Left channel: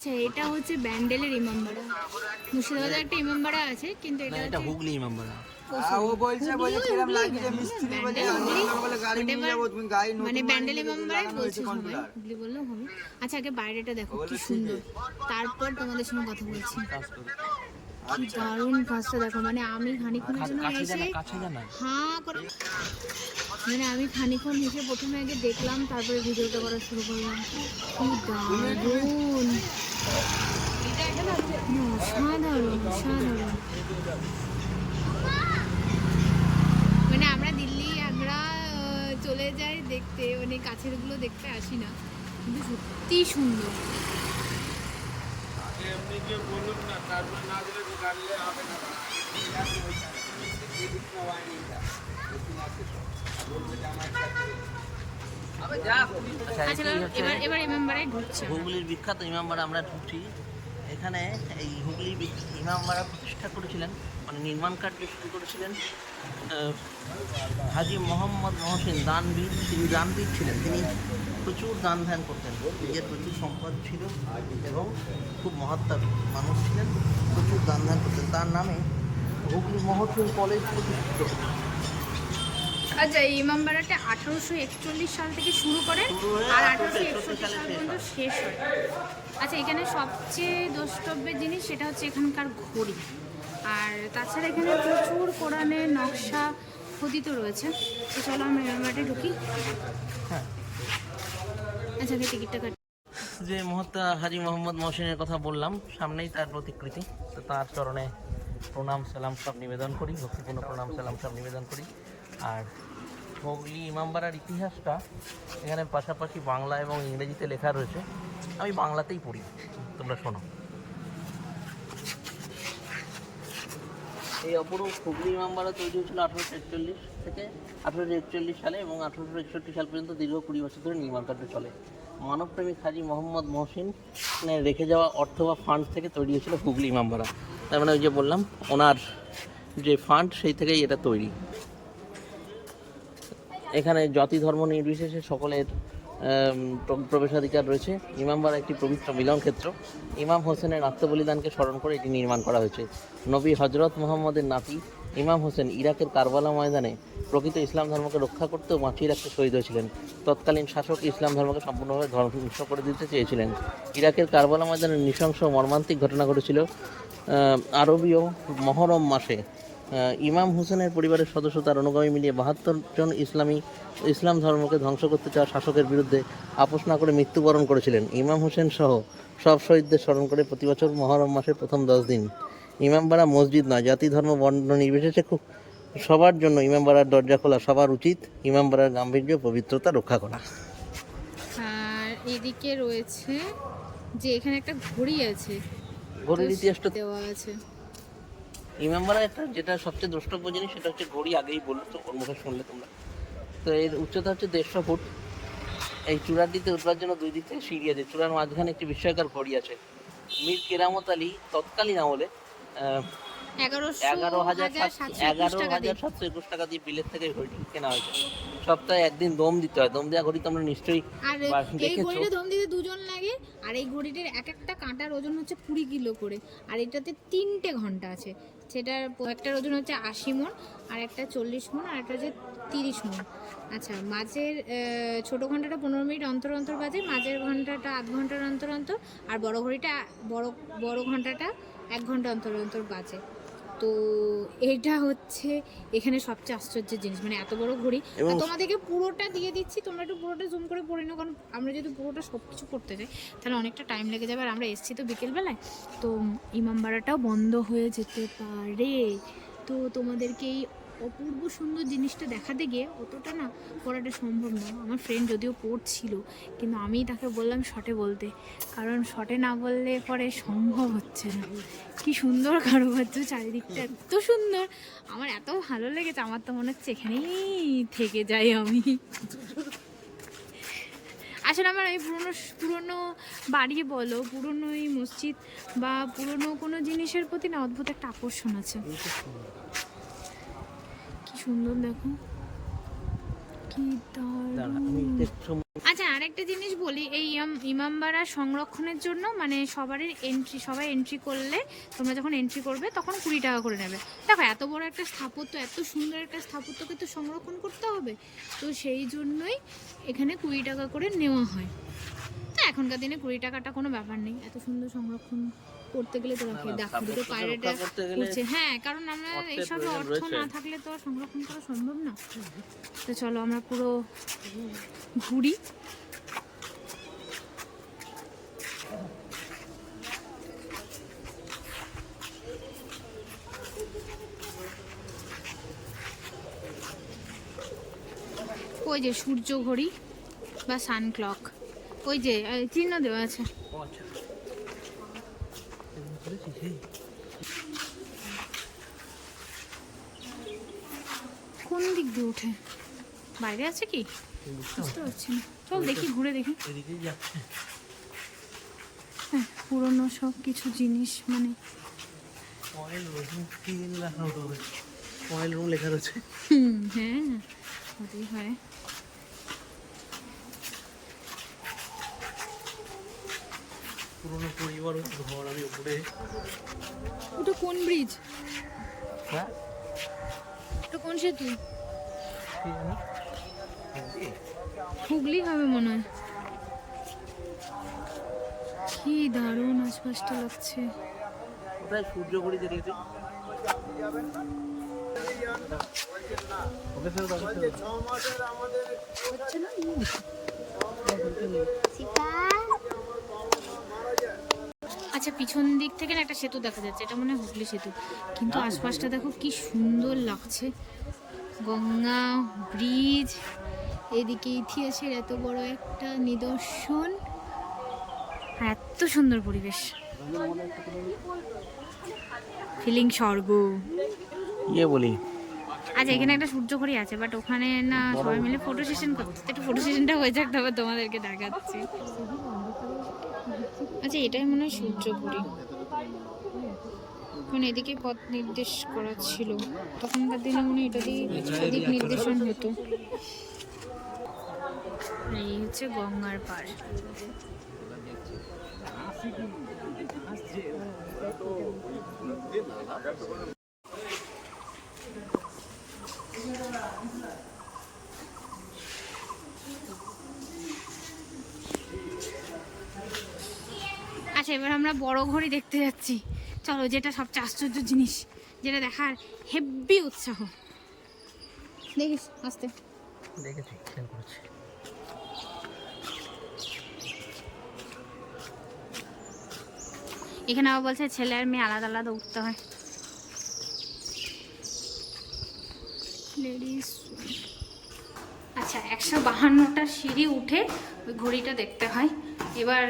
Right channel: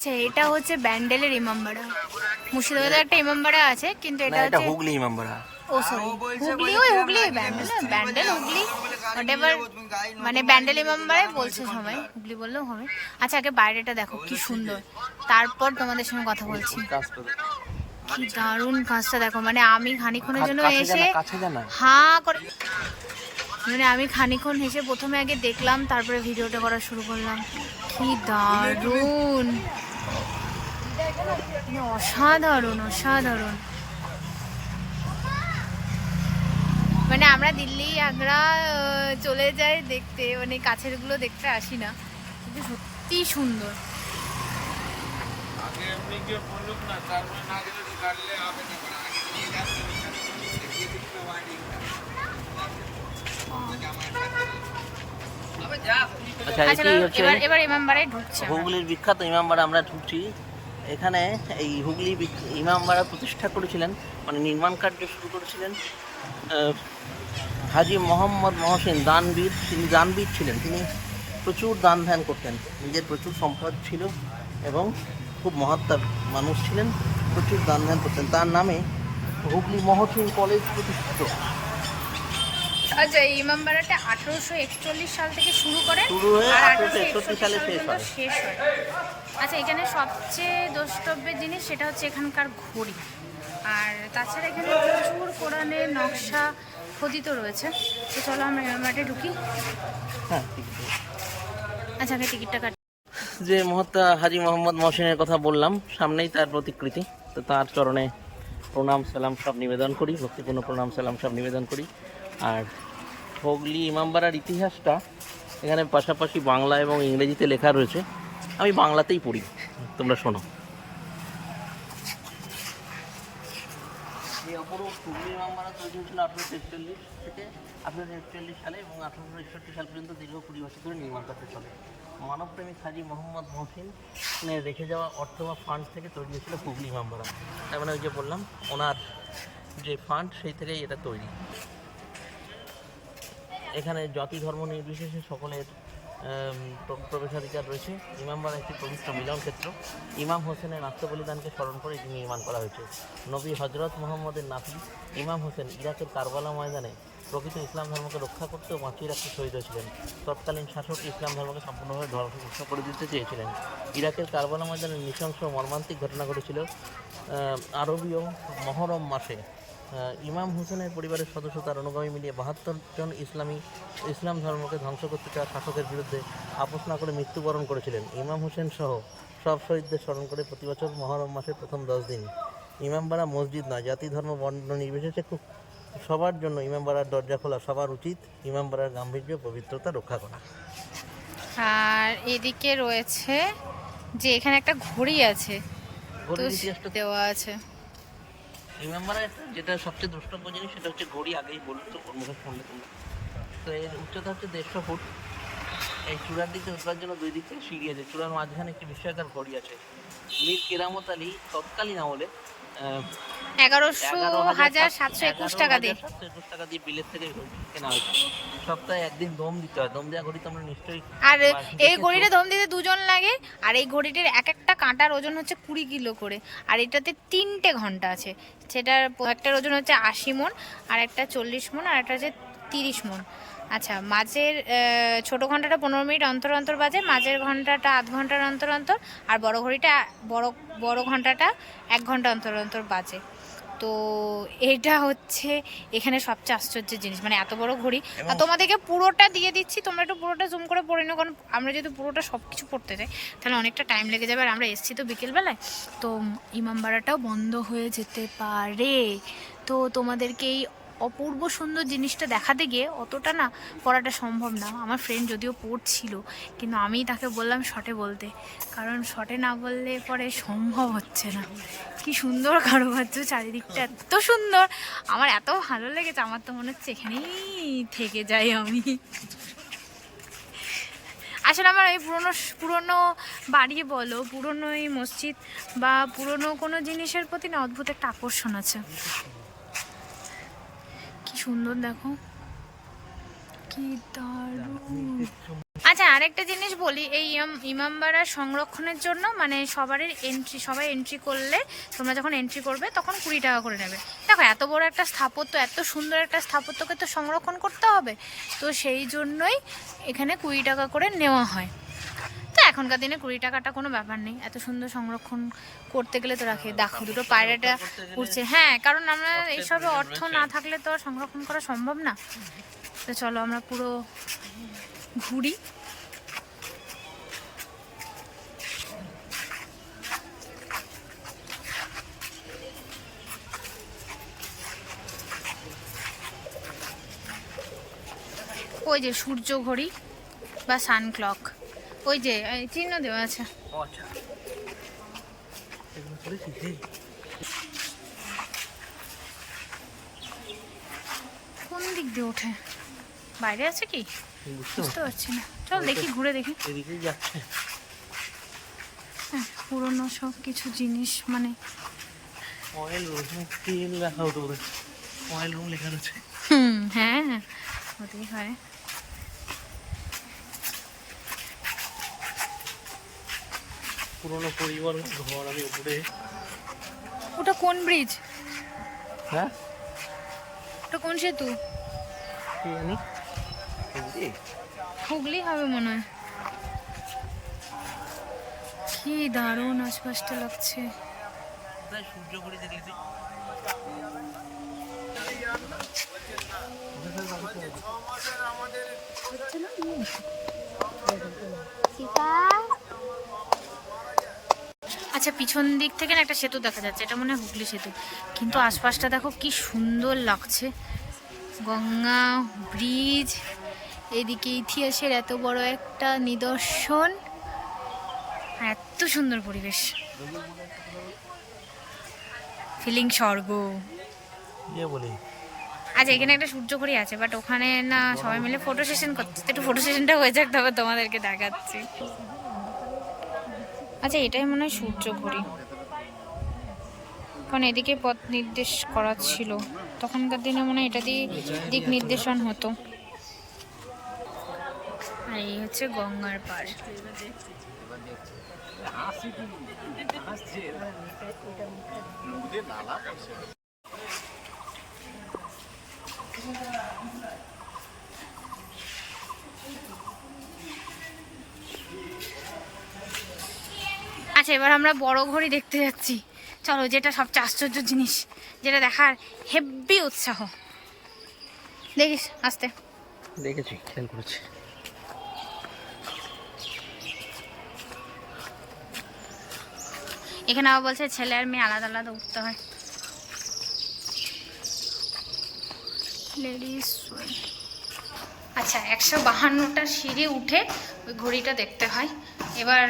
আচ্ছা এটা হচ্ছে ব্যান্ডেলের ইমামবাড়া। মুর্শিদাবাদে একটা ইমামবাড়া আছে কিন্তু এটা হচ্ছে হুগলি ইমামবাড়া। ও সরি হুগলি ওই হুগলি ব্যান্ডেল হুগলি মানে ব্যান্ডেল ইমামবাড়াই বলছে সবাই হুগলি বললেও হবে। আচ্ছা আগে বাইরেটা দেখো কি সুন্দর। তারপর তোমাদের সঙ্গে কথা বলছি। কি দারুণ কাজটা দেখো মানে আমি খানিক্ষণের জন্য এসে হাঁ করে মানে আমি খানিক্ষণ হেসে প্রথমে আগে দেখলাম তারপরে ভিডিওটা করা শুরু করলাম। কি দারুণ! অসাধারণ অসাধারণ। মানে আমরা দিল্লি আগ্রা চলে যাই দেখতে মানে কাছেরগুলো দেখতে আসি না। কিন্তু সত্যি সুন্দর। আগে এমনি গিয়ে বলুক না তারপরে না দিলে গাড়লে হবে না। আচ্ছা আচ্ছা এবার এবার ইমামবাড়ায় ঢুকছে। হুগলির বিখ্যাত ইমামবাড়া আমরা ঢুকছি। এখানে এই হুগলি ইমামবাড়া প্রতিষ্ঠা করেছিলেন মানে নির্মাণ কার্য শুরু করেছিলেন হাজি মোহাম্মদ মহসেন দানবীর। তিনি দানবীর ছিলেন, তিনি প্রচুর দান ধ্যান করতেন, নিজের প্রচুর সম্পদ ছিল এবং খুব মহাত্মার মানুষ ছিলেন, প্রচুর দান ধ্যান করতেন। তার নামে হুগলি মহসিন কলেজ প্রতিষ্ঠিত আচ্ছা এই ইমামবাড়াটা আঠারোশো একচল্লিশ সাল থেকে শুরু করেন আর 1861 আঠারোশো একষট্টি সাল পর্যন্ত শেষ হয়। আচ্ছা এখানে সবচেয়ে দ্রষ্টব্যের জিনিস সেটা হচ্ছে এখানকার ঘড়ি। আর তাছাড়া এখানে প্রচুর কোরআনের নকশা খোদিত রয়েছে। তো চলো আমরা ইমামবাড়াতে ঢুকি। হ্যাঁ। আচ্ছা আগে টিকিটটা কাট। যে মহাত্মা হাজি মোহাম্মদ মহসিনের কথা বললাম সামনেই তার প্রতিকৃতি। তো তার চরণে প্রণাম সালাম সব নিবেদন করি ভক্তিপূর্ণ প্রণাম সালাম সব নিবেদন করি। আর হুগলি, ইমামবাড়ার ইতিহাসটা এখানে পাশাপাশি বাংলা এবং ইংরেজিতে লেখা রয়েছে। আমি বাংলাতেই পড়ি, তোমরা শোনো। এই অপরূপ হুগলি, ইমামবাড়া তৈরি হয়েছিল আঠারোশো একচল্লিশ থেকে আঠারোশো একচল্লিশ সালে এবং আঠারোশো একষট্টি সাল পর্যন্ত দীর্ঘ কুড়ি বছর ধরে নির্মাণ কার্য চলে। মানবপ্রেমিক হাজি মোহাম্মদ মহসিন রেখে যাওয়া অর্থ বা ফান্ড থেকে তৈরি হয়েছিল হুগলি, ইমামবাড়া। তার মানে ওই যে বললাম, ওনার যে ফান্ড সেই থেকেই এটা তৈরি। এখানে জাতি ধর্ম নির্বিশেষে সকলের প্রবেশাধিকার রয়েছে। ইমামবাড়া একটি পবিত্র মিলন ক্ষেত্র। ইমাম হোসেনের আত্মবলিদানকে স্মরণ করে এটি নির্মাণ করা হয়েছে। নবী হজরত মোহাম্মদের নাতি ইমাম হোসেন ইরাকের কারবালা ময়দানে প্রকৃত ইসলাম ধর্মকে রক্ষা করতে ও বাঁচিয়ে রাখতে শহীদ হয়েছিলেন। তৎকালীন শাসক ইসলাম ধর্মকে সম্পূর্ণভাবে ধ্বংস করে দিতে চেয়েছিলেন। ইরাকের কারবালা ময়দানে নৃশংস মর্মান্তিক ঘটনা ঘটেছিল আরবীয় মহরম মাসে। ইমাম হোসেনের পরিবারের সদস্য তার অনুগামী মিলিয়ে বাহাত্তর জন ইসলামী ইসলাম ধর্মকে ধ্বংস করতে চাওয়া শাসকের বিরুদ্ধে আপোষ না করে মৃত্যুবরণ করেছিলেন। ইমাম হোসেন সহ সব শহীদদের স্মরণ করে প্রতি বছর মহরম মাসের প্রথম দশ দিন ইমামবাড়া মসজিদ নয় জাতি ধর্ম বর্ণ নির্বিশেষে খুব সবার জন্য ইমামবাড়ার দরজা খোলা সবার উচিত ইমামবাড়ার গাম্ভীর্য পবিত্রতা রক্ষা করা। আর এদিকে রয়েছে যে এখানে একটা ঘড়ি আছে। দেওয়া আছে। ইমামবাড়া একটা যেটা সবচেয়ে দ্রষ্টব্য জিনিস, সেটা হচ্ছে ঘড়ি আগেই বলল তো মুখে শুনলে তোমরা। তো এর উচ্চতা হচ্ছে দেড়শো ফুট। এই চূড়ার দিকে উঠবার জন্য দুই দিক সিঁড়ি আছে। চূড়ার মাঝখানে একটি বিস্ময়কর ঘড়ি আছে। মীর কেরামত আলী তৎকালীন আমলে এগারোশো হাজার সাতশো একুশ টাকা দিয়ে। সাতশো একুশ টাকা দিয়ে বিলের থেকে কেনা হয়েছে। সপ্তাহে একদিন দম দিতে হয়। দম দেওয়া ঘড়ি তোমরা নিশ্চয়ই আর এই। ঘড়িটা দম দিতে দুজন লাগে আর এই ঘড়িটির এক একটা কাঁটার ওজন হচ্ছে কুড়ি কিলো করে। আর এটাতে তিনটে ঘণ্টা আছে। সেটার একটার ওজন হচ্ছে আশি মন আর একটা চল্লিশ মন আর একটা হচ্ছে তিরিশ মন। আচ্ছা মাঝের ছোট ঘন্টাটা পনেরো মিনিট অন্তর অন্তর বাজে মাঝের ঘন্টাটা আধ ঘণ্টার অন্তর অন্তর আর বড় ঘড়িটা বড় বড় ঘন্টাটা এক ঘণ্টা অন্তর অন্তর বাজে। তো এটা হচ্ছে এখানে সবচেয়ে আশ্চর্যের জিনিস। মানে এত বড় ঘড়ি। আর তোমাদেরকে পুরোটা দিয়ে দিচ্ছি তোমরা একটু পুরোটা জুম করে পড়ে নাও কারণ আমরা যদি পুরোটা সব কিছু পড়তে যাই তাহলে অনেকটা টাইম লেগে যাবে। আর আমরা এসছি তো বিকেলবেলায়। তো ইমামবাড়াটাও বন্ধ হয়ে যেতে পারে। তো তোমাদেরকে এই অপূর্ব সুন্দর জিনিসটা দেখাতে গিয়ে অতটা না পড়াটা সম্ভব না। আমার ফ্রেন্ড যদিও পড়ছিল, কিন্তু আমি তাকে বললাম শটে বলতে। কারণ শটে না বললে পরে সম্ভব হচ্ছে না। কি সুন্দর কারুকার্য, চারিদিকটা এত সুন্দর। আমার এত ভালো লেগেছে, আমার তো মনে হচ্ছে এখানেই থেকে যাই আমি। আসলে আমার এই পুরনো পুরনো বাড়ি বলো, পুরনো এই মসজিদ বা পুরনো কোনো জিনিসের প্রতি না অদ্ভুত একটা আকর্ষণ আছে। সুন্দর, দেখো। কি দারুণ। আচ্ছা আরেকটা জিনিস বলি, এই ইমাম- ইমামবাড়া সংরক্ষণের জন্য মানে সবারই এন্ট্রি সবাই এন্ট্রি করলে, তোমরা যখন এন্ট্রি করবে, তখন কুড়ি টাকা করে নেবে। দেখো, এত বড় একটা স্থাপত্য, এত সুন্দর একটা স্থাপত্যকে তো সংরক্ষণ করতে হবে। তো সেই জন্যই এখানে কুড়ি টাকা করে নেওয়া হয়। এখনকার দিনে কুড়ি টাকাটা কোনো ব্যাপার নেই। এত সুন্দর সংরক্ষণ করতে গেলে তো রাখে। দেখো দুটো পায়রাটা উঠছে হ্যাঁ কারণ আমরা এইসবে অর্থ না থাকলে তো সংরক্ষণ করা সম্ভব না। তো চলো আমরা পুরো ঘুরি। ওই যে সূর্য ঘড়ি বা সান ক্লক ওই যে চিহ্ন দেওয়া আছে। আচ্ছা? কোন দিক দিয়ে ওঠে? বাইরে আছে কি? বুঝতে পারছি না। চল দেখি ঘুরে দেখি। যাচ্ছে। হ্যাঁ পুরনো সব কিছু জিনিস মানে রয়েছে। হুম হ্যাঁ হতেই পারে। পুরোনো পরিবার আমি উপরে। ওটা কোন ব্রিজ হ্যাঁ? ওটা কোন সেতু? কি জানি হুগলি হবে মনে হয়। কি দারুণ আশপাশটা লাগছে। কোথায় সূর্য ঘড়ি দেখেছি স্যার আচ্ছা পিছন দিক থেকে না একটা সেতু দেখা যাচ্ছে। এটা মনে হয় হুগলি সেতু। কিন্তু আশপাশটা দেখো কি সুন্দর লাগছে। গঙ্গা ব্রিজ এদিকে ইতিহাসের এত বড় একটা নিদর্শন। আর এত সুন্দর পরিবেশ। ফিলিং স্বর্গ। ইয়ে বলি। আচ্ছা এখানে একটা সূর্য ঘড়ি আছে বাট ওখানে না সবাই মিলে ফটো সেশন করছে। একটু ফটো সেশনটা হয়ে যাক তবে তোমাদেরকে দেখাচ্ছি। আচ্ছা এটাই মনে হয় সূর্য ঘড়ি। কারণ এদিকে পথ নির্দেশ করা ছিল। তখনকার দিনে মনে হয় এটা দিয়ে দিক নির্দেশন হতো। আর এই হচ্ছে গঙ্গার পাড় আচ্ছা এবার আমরা বড় ঘড়ি দেখতে যাচ্ছি। চলো যেটা সবচেয়ে আশ্চর্য জিনিস যেটা দেখার হেভি উৎসাহ। দেখিস আসতে। দেখেছি খেয়াল করেছি। এখানে আবার বলছে ছেলে আর মেয়ে আলাদা আলাদা উঠতে হয়। লেডিস আচ্ছা একশো বাহান্নটা সিঁড়ি উঠে ওই ঘড়িটা দেখতে হয়। এবার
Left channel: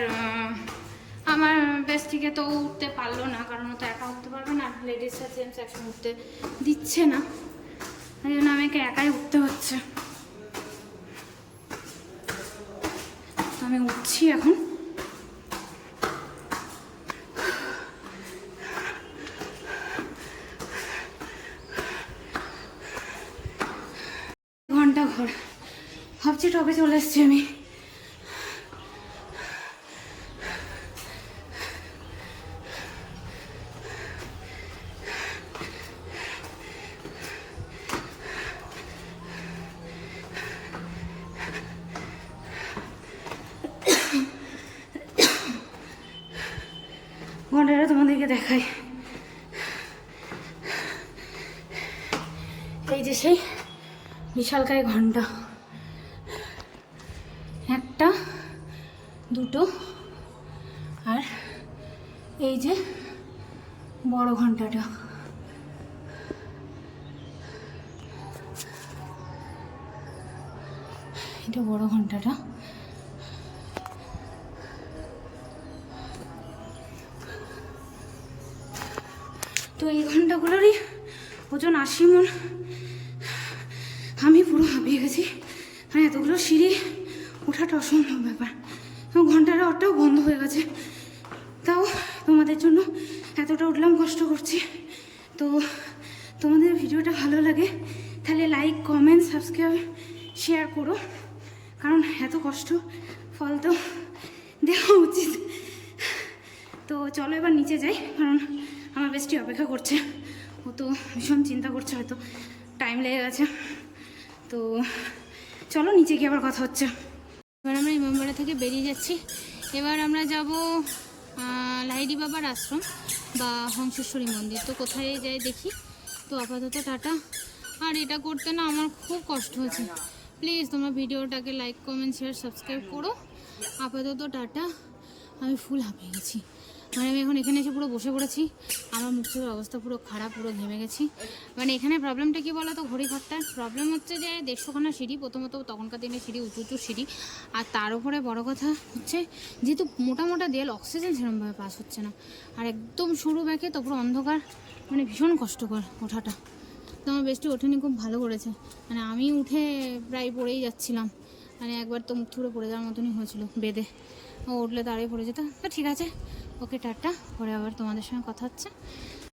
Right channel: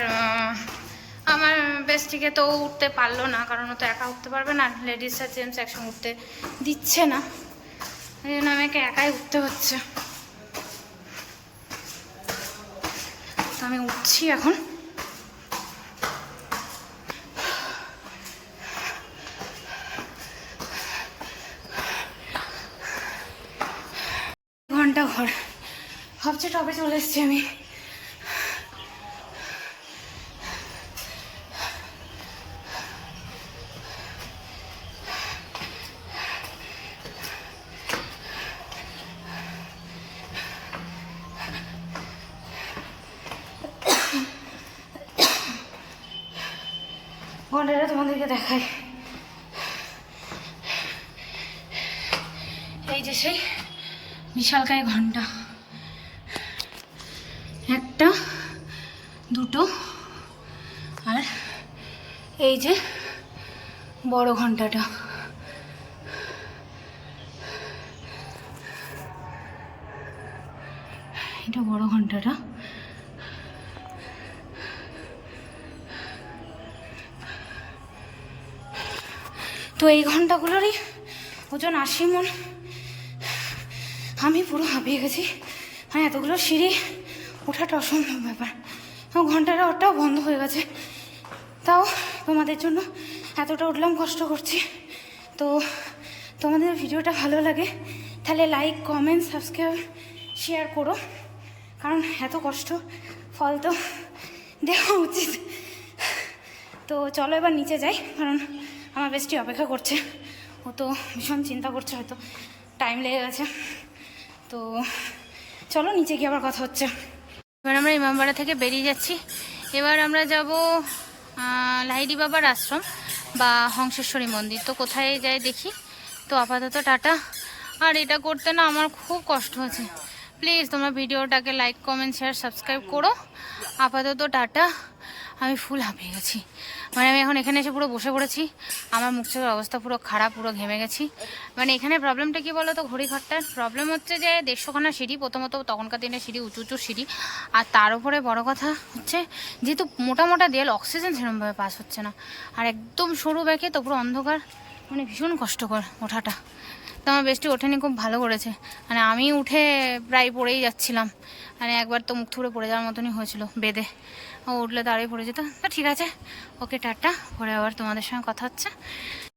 আমার বেশ থেকে তো উঠতে পারল না, কারণ ও তো একা উঠতে পারবে না লেডিস আর জেন্টস একসঙ্গে উঠতে দিচ্ছে না। ওই জন্য আমাকে একাই উঠতে হচ্ছে। তো আমি উঠছি এখন। ঘণ্টা ঘর। ভাবছি টবে চলে এসেছি আমি। ঘন্টাটা তোমাদেরকে দেখাই। এই যে সেই বিশালকায় ঘণ্টা। একটা, দুটো, আর এই যে বড় ঘন্টাটা। এটা বড় ঘন্টাটা। তো এই ঘন্টাগুলোরই ওজন আশি মন। আমি পুরো হাঁপিয়ে গেছি। হ্যাঁ এতগুলো সিঁড়ি ওঠাটা অসম্ভব ব্যাপার। ঘন্টাটা ওটাও বন্ধ হয়ে গেছে। তাও তোমাদের জন্য এতটা উঠলাম, কষ্ট করছি। তো তোমাদের ভিডিওটা ভালো লাগে, তাহলে লাইক কমেন্ট সাবস্ক্রাইব শেয়ার করো। কারণ এত কষ্ট, ফল তো দেওয়া উচিত। তো চলো এবার নিচে যাই, কারণ আমার বেস্টি অপেক্ষা করছে। ও তো ভীষণ চিন্তা করছে হয়তো। টাইম লেগে গেছে। তো চলো নিচে গিয়ে আবার কথা হচ্ছে। এবার আমরা ইমামবাড়া থেকে বেরিয়ে যাচ্ছি। এবার আমরা যাব লাহিড়ি বাবার আশ্রম বা হংসেশ্বরী মন্দির। তো কোথায় যাই দেখি। তো আপাতত টাটা। আর এটা করতে না আমার খুব কষ্ট হচ্ছে। প্লিজ তোমরা ভিডিওটাকে লাইক কমেন্ট শেয়ার সাবস্ক্রাইব করো। আপাতত টাটা। আমি ফুল হাঁপিয়ে গেছি। মানে আমি এখন এখানে এসে পুরো বসে পড়েছি। আমার মুখ চোখের অবস্থা পুরো খারাপ, পুরো ঘেমে গেছি। মানে এখানে প্রবলেমটা কি বলো তো ঘড়িঘরটার? প্রবলেম হচ্ছে যে দেড়শোখানা সিঁড়ি, প্রথমত তখনকার দিনে সিঁড়ি, উঁচু উঁচু সিঁড়ি। আর তার উপরে বড় কথা হচ্ছে, যেহেতু মোটা মোটা দেয়াল অক্সিজেন সেরকমভাবে পাস হচ্ছে না। আর একদম সরু ব্যাকে তো পুরো অন্ধকার। মানে ভীষণ কষ্টকর ওঠাটা। তো আমার বেশটি ওঠেনি, খুব ভালো করেছে। মানে আমি উঠে প্রায় পড়েই যাচ্ছিলাম। মানে একবার তো মুখ থুড়ে পড়ে যাওয়ার মতনই হয়েছিল, বেদে। ও উঠলে দাঁড়িয়ে পড়ে যেত। তো ঠিক আছে, ওকে টাটা, পরে আবার তোমাদের সঙ্গে কথা হচ্ছে।